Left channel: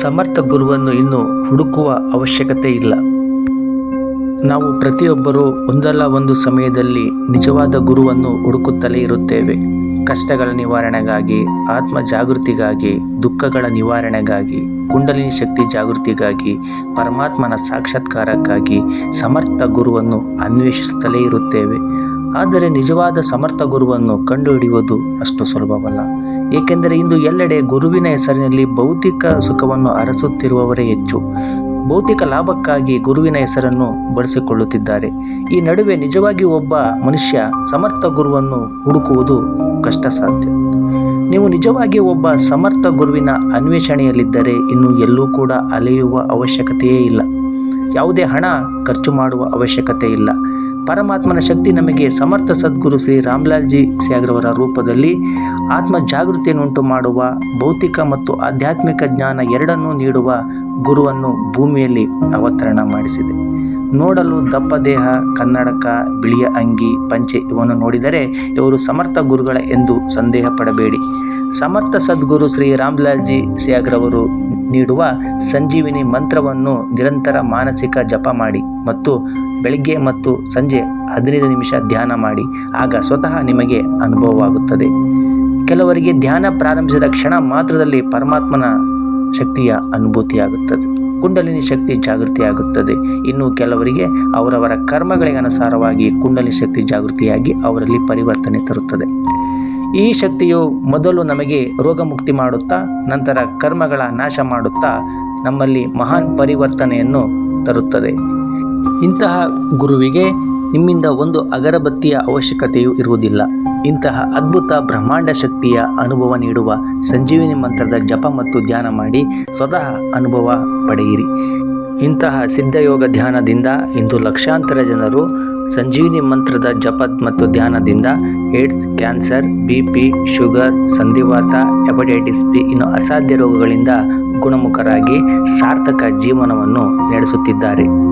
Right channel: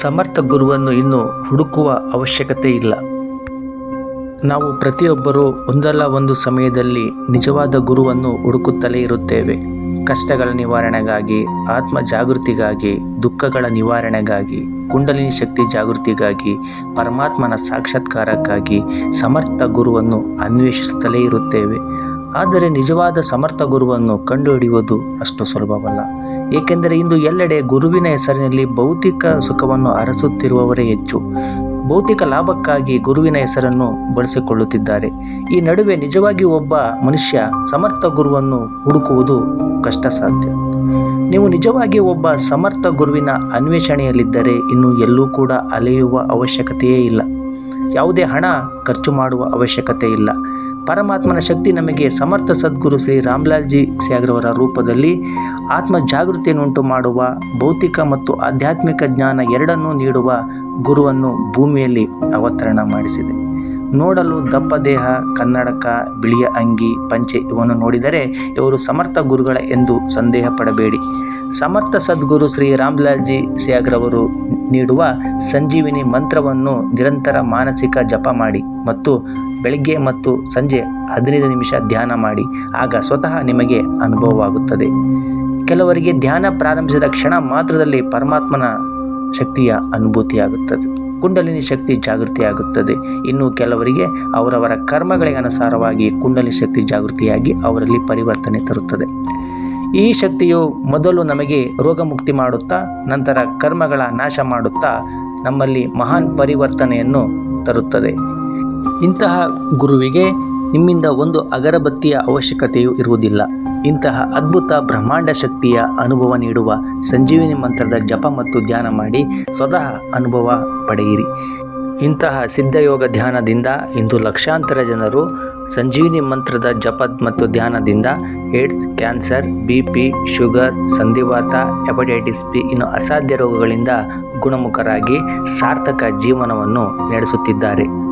ಸಮರ್ಥ ಗುರುವನ್ನು ಇನ್ನು ಹುಡುಕುವ ಅವಶ್ಯಕತೆ ಇಲ್ಲ. ನಾವು ಪ್ರತಿಯೊಬ್ಬರೂ ಒಂದಲ್ಲ ಒಂದು ಸಮಯದಲ್ಲಿ ನಿಜವಾದ ಗುರುವನ್ನು ಹುಡುಕುತ್ತಲೇ ಇರುತ್ತೇವೆ. ಕಷ್ಟಗಳ ನಿವಾರಣೆಗಾಗಿ, ಆತ್ಮ ಜಾಗೃತಿಗಾಗಿ, ದುಃಖಗಳ ನಿವಾರಣೆಗಾಗಿ, ಕುಂಡಲಿನಿ ಶಕ್ತಿ ಜಾಗೃತಿಗಾಗಿ, ಪರಮಾತ್ಮನ ಸಾಕ್ಷಾತ್ಕಾರಕ್ಕಾಗಿ ಸಮರ್ಥ ಗುರುವನ್ನು ಅನ್ವೇಷಿಸುತ್ತಲೇ ಇರುತ್ತೇವೆ. ಆದರೆ ನಿಜವಾದ ಸಮರ್ಥ ಗುರುವನ್ನು ಕಂಡುಹಿಡಿಯುವುದು ಅಷ್ಟು ಸುಲಭವಲ್ಲ. ಏಕೆಂದರೆ ಇಂದು ಎಲ್ಲೆಡೆ ಗುರುವಿನ ಹೆಸರಿನಲ್ಲಿ ಭೌತಿಕ ಸುಖವನ್ನು ಅರಸುತ್ತಿರುವವರೇ ಹೆಚ್ಚು. ಭೌತಿಕ ಲಾಭಕ್ಕಾಗಿ ಗುರುವಿನ ಹೆಸರನ್ನು ಬಳಸಿಕೊಳ್ಳುತ್ತಿದ್ದಾರೆ. ಈ ನಡುವೆ ನಿಜವಾಗಿ ಒಬ್ಬ ಮನುಷ್ಯ ಸಮರ್ಥ ಗುರುವನ್ನು ಹುಡುಕುವುದು ಕಷ್ಟ ಸಾಧ್ಯ ನೀವು ನಿಜವಾಗಿ ಒಬ್ಬ ಸಮರ್ಥ ಗುರುವಿನ ಅನ್ವೇಷಣೆಯಲ್ಲಿದ್ದರೆ ಇನ್ನು ಎಲ್ಲೂ ಕೂಡ ಅಲೆಯುವ ಅವಶ್ಯಕತೆಯೇ ಇಲ್ಲ. ಯಾವುದೇ ಹಣ ಖರ್ಚು ಮಾಡುವ ಅವಶ್ಯಕತೆ ಇಲ್ಲ ಪರಮಾತ್ಮನ ಶಕ್ತಿ ನಮಗೆ ಸಮರ್ಥ ಸದ್ಗುರು ಶ್ರೀ ರಾಮ್ಲಾಲ್ಜಿ ಸ್ಯಾಗ್ರವರ ರೂಪದಲ್ಲಿ ಆತ್ಮ ಜಾಗೃತಿಯನ್ನುಂಟು ಮಾಡುವ ಭೌತಿಕ ಮತ್ತು ಆಧ್ಯಾತ್ಮಿಕ ಜ್ಞಾನ ಎರಡನ್ನೂ ನೀಡುವ ಗುರುವನ್ನು ಭೂಮಿಯಲ್ಲಿ ಅವತರಣ ಮಾಡಿಸಿದೆ. ನೋಡಲು ದಪ್ಪ ದೇಹ, ಕನ್ನಡಕ, ಬಿಳಿಯ ಅಂಗಿ, ಪಂಚೆ ಇವನ್ನು ನೋಡಿದರೆ ಇವರು ಸಮರ್ಥ ಗುರುಗಳ ಎಂದು ಸಂದೇಹ ಪಡಬೇಡಿ. ಸಮರ್ಥ ಸದ್ಗುರು ಶ್ರೀ ರಾಮ್ಲಾಲ್ಜಿ ಸ್ಯಾಗ್ರವರು ನೀಡುವ ಸಂಜೀವಿನಿ ಮಂತ್ರವನ್ನು ನಿರಂತರ ಮಾನಸಿಕ ಜಪ ಮಾಡಿ ಮತ್ತು ಬೆಳಿಗ್ಗೆ ಮತ್ತು ಸಂಜೆ ಹದಿನೈದು ನಿಮಿಷ ಧ್ಯಾನ ಮಾಡಿ, ಆಗ ಸ್ವತಃ ನಿಮಗೆ ಅನುಭವವಾಗುತ್ತದೆ. ಕೆಲವರಿಗೆ ಧ್ಯಾನ ಪ್ರಾರಂಭಿಸಿದ ಕ್ಷಣ ಮಾತ್ರದಲ್ಲಿ ಪರಮಾತ್ಮನ ಶಕ್ತಿಯ ಅನುಭೂತಿಯಾಗುತ್ತದೆ. ಕುಂಡಲಿನಿ ಶಕ್ತಿ ಜಾಗೃತಿಯಾಗುತ್ತದೆ. ಇನ್ನು ಕೆಲವರಿಗೆ ಅವರವರ ಕರ್ಮಗಳಿಗೆ ಅನುಸಾರವಾಗಿ ಕುಂಡಲಿನಿ ಶಕ್ತಿ ಜಾಗೃತಿಯಾಗಿ ಅವರಲ್ಲಿ ಪರಿವರ್ತನೆ ತರುತ್ತದೆ. ಈ ಶಕ್ತಿಯು ಮೊದಲು ನಮಗೆ ರೋಗಮುಕ್ತಿ ಮಾಡುತ್ತಾ, ನಂತರ ಕರ್ಮಗಳ ನಾಶ ಮಾಡುತ್ತಾ, ನಮ್ಮಲ್ಲಿ ಮಹಾನ್ ಪರಿವರ್ತನೆಯನ್ನು ತರುತ್ತದೆ. ಇಂತಹ ಗುರುವಿಗೆ ನಿಮ್ಮಿಂದ ಒಂದು ಅಗರಬತ್ತಿಯ ಅವಶ್ಯಕತೆಯೂ ಇರುವುದಿಲ್ಲ. ಇಂತಹ ಅದ್ಭುತ ಬ್ರಹ್ಮಾಂಡ ಶಕ್ತಿಯ ಅನುಭವ ನೀಡುವ ಸಂಜೀವಿನಿ ಮಂತ್ರದ ಜಪ ಮತ್ತು ಧ್ಯಾನ ಮಾಡಿ ಸ್ವತಃ ಅನುಭವ ಪಡೆಯಿರಿ. ಇಂತಹ ಸಿದ್ಧಯೋಗ ಧ್ಯಾನದಿಂದ ಇಂದು ಲಕ್ಷಾಂತರ ಜನರು ಸಂಜೀವಿನಿ ಮಂತ್ರದ ಜಪ ಮತ್ತು ಧ್ಯಾನದಿಂದ AIDS, cancer, B P, sugar, ಸಂಧಿವಾತ, ಹೆಪಟೈಟಿಸ್ ಬಿ ಇನ್ನು ಅಸಾಧ್ಯ ರೋಗಗಳಿಂದ ಗುಣಮುಖರಾಗಿ ಸಾರ್ಥಕ ಜೀವನವನ್ನು ನಡೆಸುತ್ತಿದ್ದಾರೆ.